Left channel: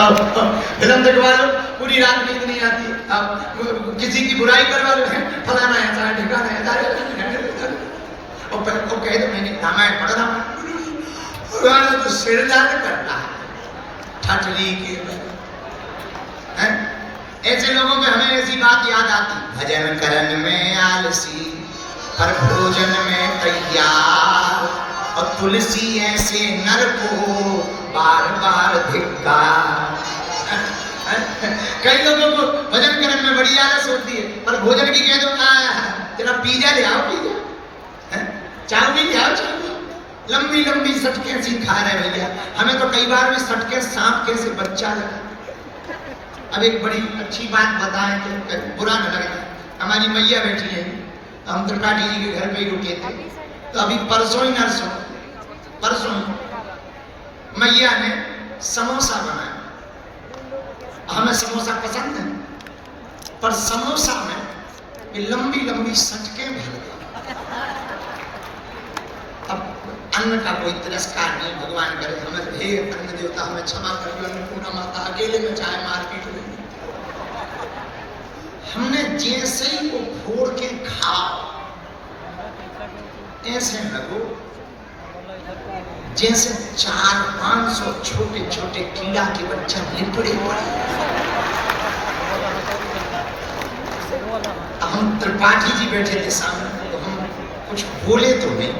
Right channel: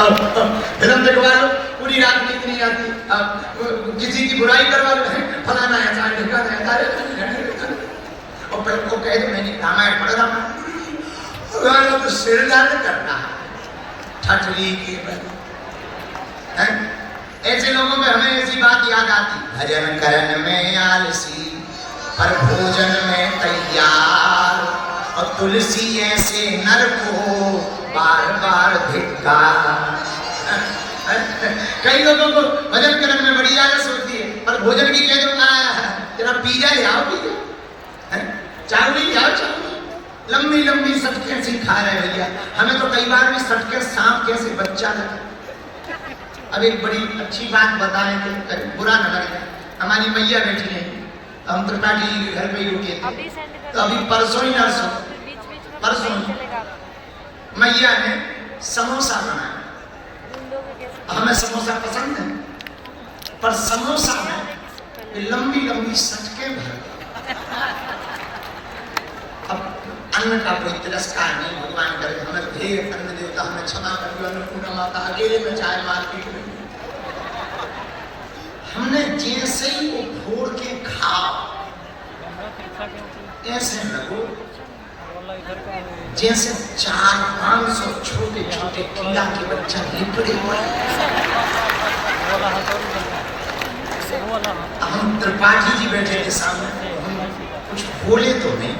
Film दिखवा लो, पूरी रात नींद नहीं आती, किसी की बुराई करवा लो, फलाना ऐसा है, ढिकाना ऐसा है, और फिर को कहे तो मैंने रामायण पढ़ा था, तो सिर दर्द करता है ठटली के हैं। ऐसे लोगों में हमें ऐसी बात याद आती, भजन करन में आलसी पर भोजन में तैयार, और तुलसी ऐसे नर को बार बार धिक्कार। कई लोगों को भजन करने में बड़ी आलस होती है, पर भोजन की कह दो तेरा पिज्जा ले आओ, पिज्जा चावली ले आओ, चावली लंबी लंबी सटके सी खा रहे भैया। हमें तो कई बार भी सटके सांप कैसे बच्चा लगा। अब एक बड़ी अच्छी बात बताने के बुरा न लगे, हमारी मैया बैठी है, हम त्रिपाठी जी के घर पे ही रुके थे, तो अभी परसों ही नरसों परसों मैया ने समोसा बनाया। हमें समोसा पसंद है, पर समोसा में लंबी लंबी सटके भर गए। अब अन्न का कोई तिरस्कार नहीं, भगवान करे हमें तो हे अन्न देवता हमें क्षमा कर दो, अन्नपूर्णा माता अकेले में चाहे मार्केट में, हमने जैसे ही वो फोड़ के खाओ ऐसे लगो जैसे 400-500 छोटे छोटे कीड़ा के बच्चा लिपड़े पड़े। हम त्रिपाठी जी बैठे थे सामने, तो हम कुछ बोले तो नहीं,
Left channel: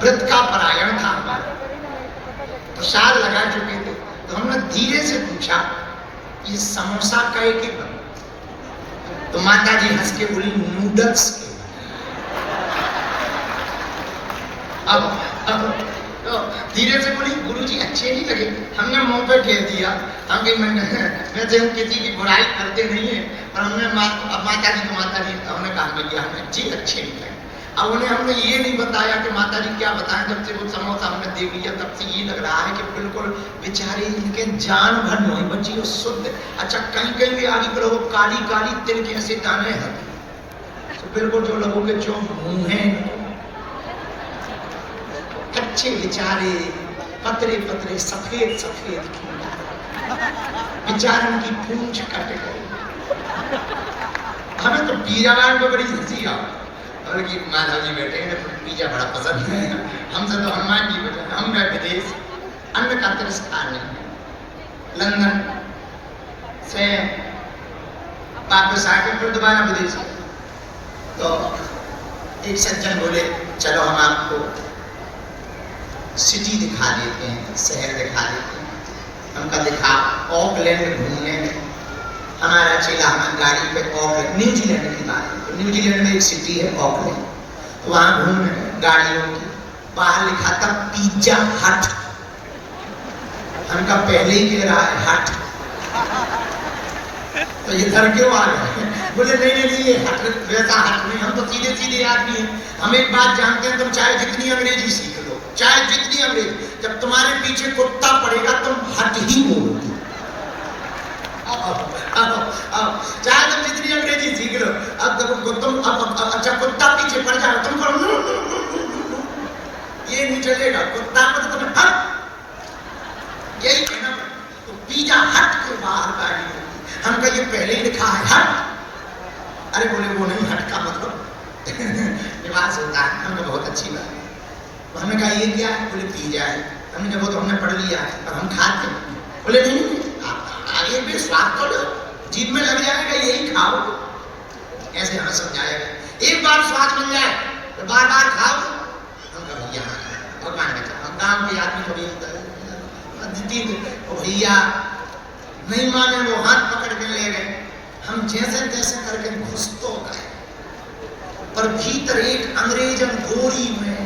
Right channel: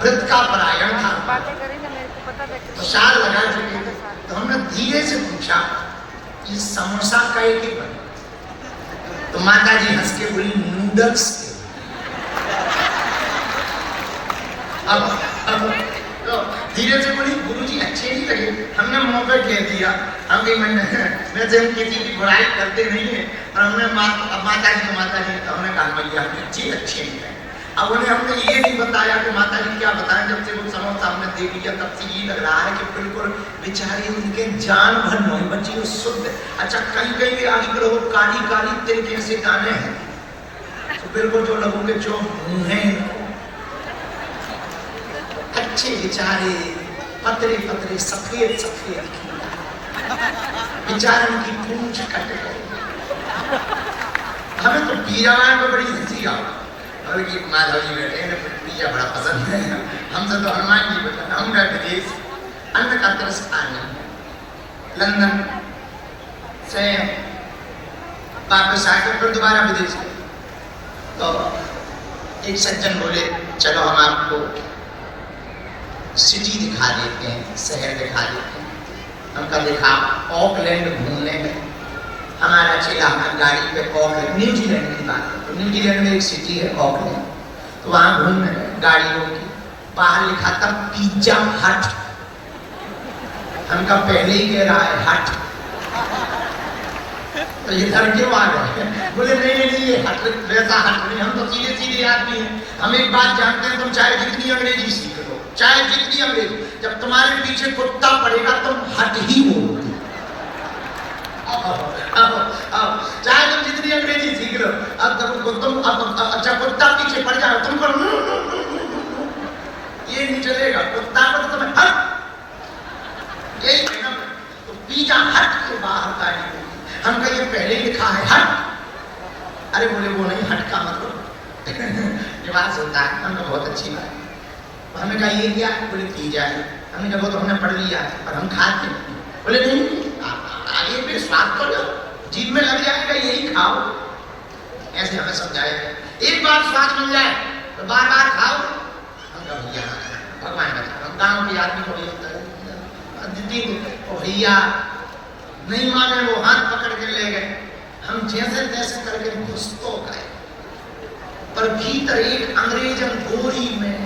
व्रत का परायण था, प्रसाद लगा चुके थे, तो हमने धीरे से पूछा कि समोसा का एक, तो माता जी हंस के बोली नूडल्स के। अब धीरे से बोली गुरुजी अच्छे नहीं लगे, हमने मुंह पे कह दिया, हम भी वैसे हम किसी की बुराई करते नहीं है, पर हमने माता जी को हमने कहा भैया हमें जी अच्छे नहीं लगे। अब उन्हें हमने ये नहीं बताया कि माता जी क्या बताएं, जब से वो समोसा हमने देख लिया तब से ये लग रहा है कि बिल्कुल बेचारे इनके जान भर नहीं बची, वो शुद्ध। अच्छा कहीं कहीं भी आगे करो काली काली तिल जैसे दाने हैं, तो बिल्कुल जो लोगों के जो मुंह हैं कच्चे बेचारे, पतरे पतरे सफेद सफेद बेचारों की पूंछ कट गई। हमें तो पिज्जा में बड़ी हंसी आ, बल्कि माधव जी बैठे हैं, पिज्जा बड़ा पसंद है, हमसे तो हनुमान जी बैठे, हम गए विदेश, अन्न का तिरस्कार नहीं। लंदन से वापस आकर फिर दोबारा विदेश, तो एक सज्जन बोले चलो हम आपको सिटी दिखा देते हैं, शहर दिखा देते हैं। हमका दिखा ऑकलैंड घूमने में, हमारा चला हमारी गाड़ी पे ऑकलैंड, न्यूजीलैंड की बात है, न्यूजीलैंड में एक सिटी है ऑकलैंड, तो वहाँ घूम रहे हैं गाड़ियों की, बाहर लिखा था पिज्जा हट। हमका पहले ही कह रहा है हट, तो ये घर के बाहर है, बोले नहीं नहीं ये हट वैसा हट नहीं, हम तो सीधे सीधे आदमी हैं, हम एक बात जानते हैं, तुम चाहे जितनी अंग्रेजी सीख लो, चाहे जितनी अंग्रेजी, जब तुम्हारे पीछे कुत्ता पड़ेगा तुम हट ही बोलोगे। चाहे तुम जितनी अंग्रेजी सीख लो, अब जब तुम अच्छा कुत्ता पीछे पड़ जाओ तुम ये नहीं चलेगा, कुत्ता को तो तुम्हें हट यही कहना, तो पिज्जा हट के बाहर गाड़ी होगी, हम कहेंगे पहले ही लिखा है हट, अरे बोले वो नहीं हट का मतलब निवास होता है, हमने बहुत अच्छी बात है, तो हमने कहा ये क्या है, बोले पिज्जा है, हमने कहा वो तो हमने पढ़ लिया पर हम खाते हैं, बोले नहीं आगे भी स्वाद तो जीभ में लग जाएगा यही खाओ, ऐसे हमें समझाएगा, एक बार स्वाद मिल जाए तो बार बार खाओ, हम कहा भैया भगवान का काम के आदमी को भी होता है, भैया नहीं माने, वो हाथ पकड़ के ले गए, हम जैसे तैसे करके घुस तो गए, पर भीतर एक अंग्रेजन गोरी में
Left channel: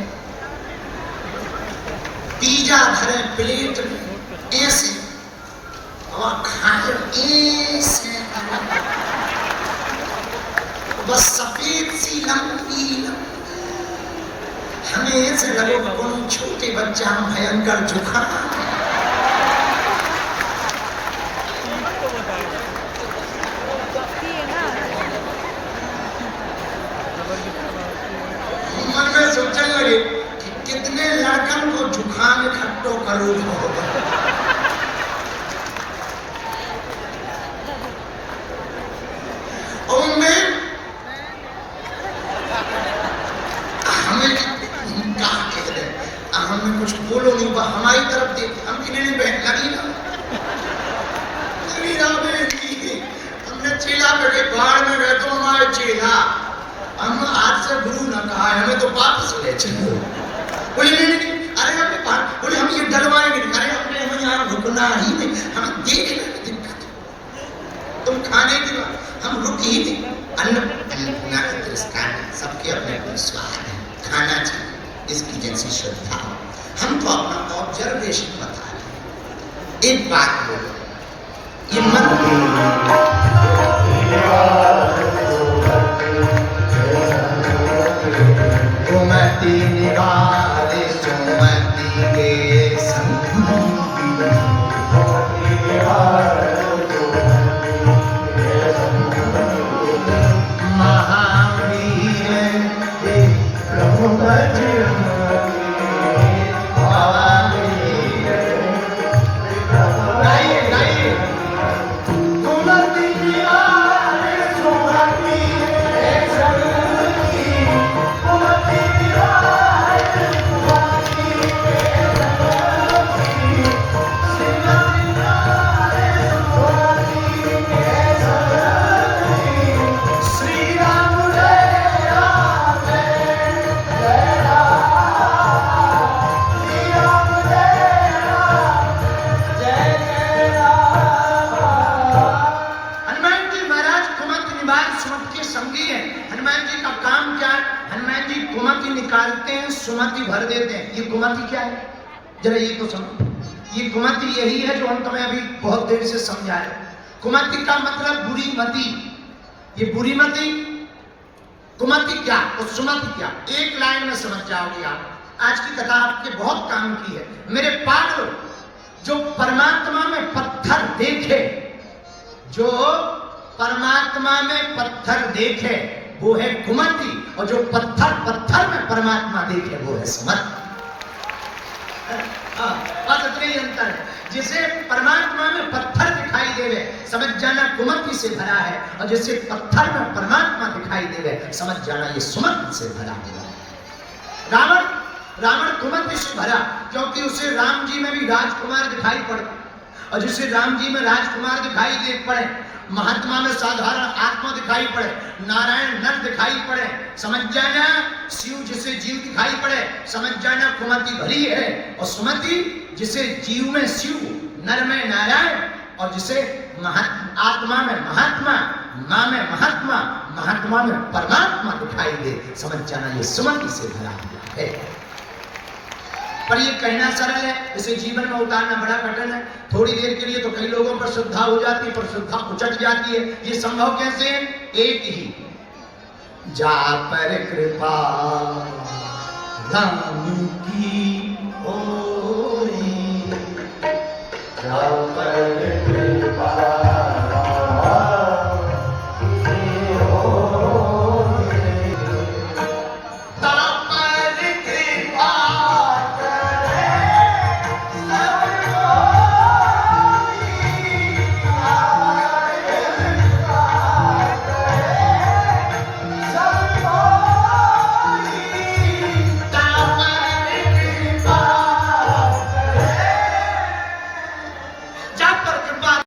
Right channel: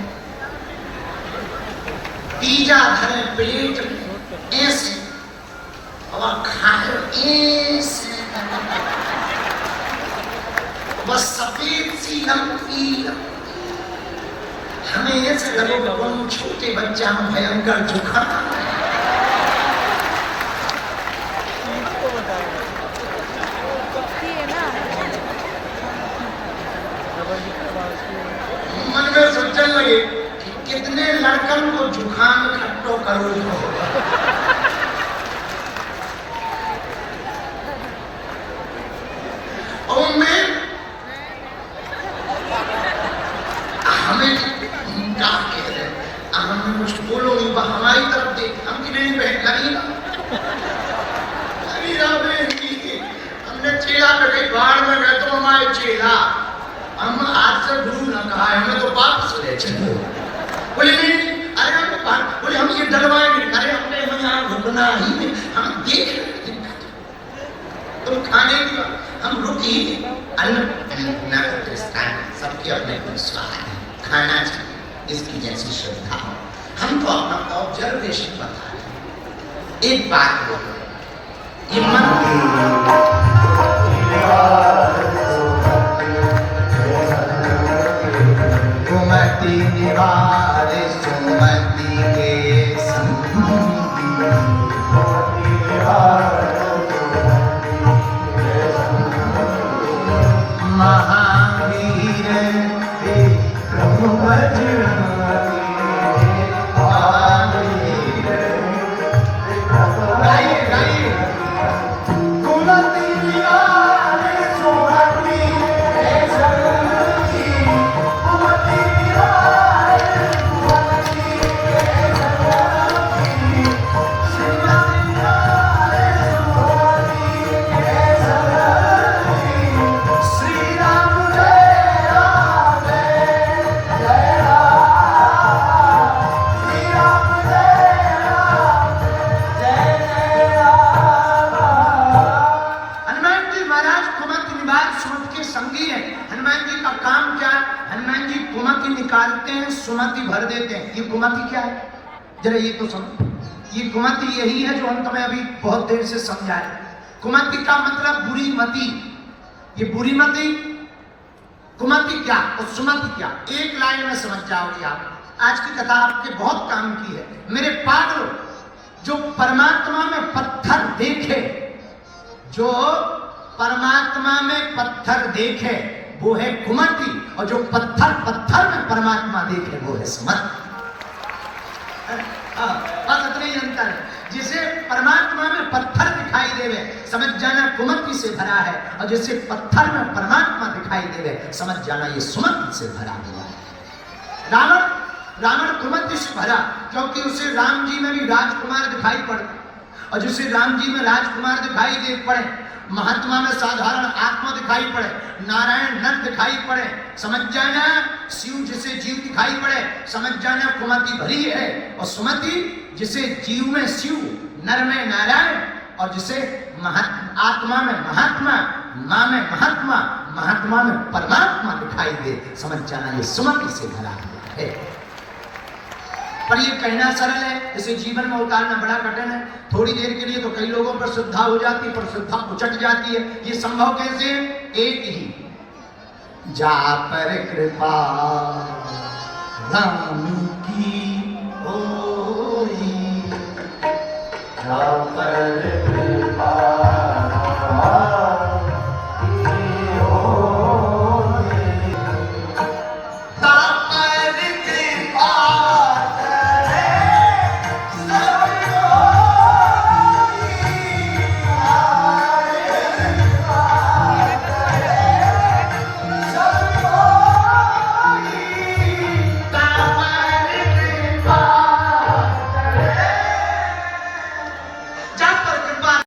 पिज्जा धरे प्लेट में ऐसे और खाए ऐसे, बस सफेद सी लंबी, हमें ऐसे लगे कौन छोटे बच्चा में भयंकर जुकाम, मन में सोचने लगे कि कितने लड़कन को जुकाम खट्टो करो, बहन लगी ना बहन की। हमने चेला पे गए गाड़ में गए तो हमारे चेला हम आज से गुरु न कहा है, हमें तो वापस ले चलो। बोले नहीं अरे बोले हम ये डरवाएंगे, अरे हमने यहाँ रुकना ही नहीं, हम देख रहे तुम खाने की बात, हम रुक ही नहीं। अन्न सबके अपने अपने स्वाद है, खाना चाहिए इसकी जैसी श्रद्धा। हम तो अपना ऑब्जर्वेशन बता रहे हैं। एक बात बोलो, ये मन कुमति निवारे सुमति के महावीर प्रभु सुमति भर देते हैं। ये कुमति क्या है जरा ये तो समझो। ये कुमति यही है जो हम तुम्हें अभी बहुत देर से समझा रहे। कुमति का मतलब बुरी मति। ये बुरी मति कुमति क्या और सुमति क्या, एक लाइन में समझ जाओगे आप। आज की कथा आपके बहुत काम की है मेरे पागलों। जो परमात्मा में पत्थर देखे, जो परमात्मा में पत्थर देखे वो है कुमति, और जो पत्थर पत्थर में परमात्मा देखे वो है सुमति। बस इतना ही अंतर है। जिसे परमात्मा में पत्थर दिखाई देवे समझ जाना कुमति से भरा है, और जिसे पत्थर में परमात्मा दिखाई देवे समझ जाना ये सुमति से भरा हुआ है। रावण कुमति से भरा क्योंकि उसे राम जी में भी राजकुमार दिखाई पड़े, और जिसे राम जी में राजकुमार दिखाई दे पड़े, महात्मा में साधारण आत्मा दिखाई पड़े, नारायण नर दिखाई पड़े, समझ जाना शिव जिसे जीव दिखाई पड़े समझ जाना कुमति भरी है। और सुमति जिसे जीव में शिव, नर में नारायण, और जिसे आत्मा में महात्मा, माँ में महात्मा, महात्मा में परमात्मा दिखाई दे समझ जाना ये सुमति से भरा हुआ है। पर ये कहना सरल है, इसे जीवन में उतारना बड़ा कठिन है। थोड़ी देर के लिए तो कई लोगों पर श्रद्धा हो जाती है, पर श्रद्धा उचट जाती है। ये संभव कैसे है? एक ही जा पर कृपा राम की होई, जा पर कृपा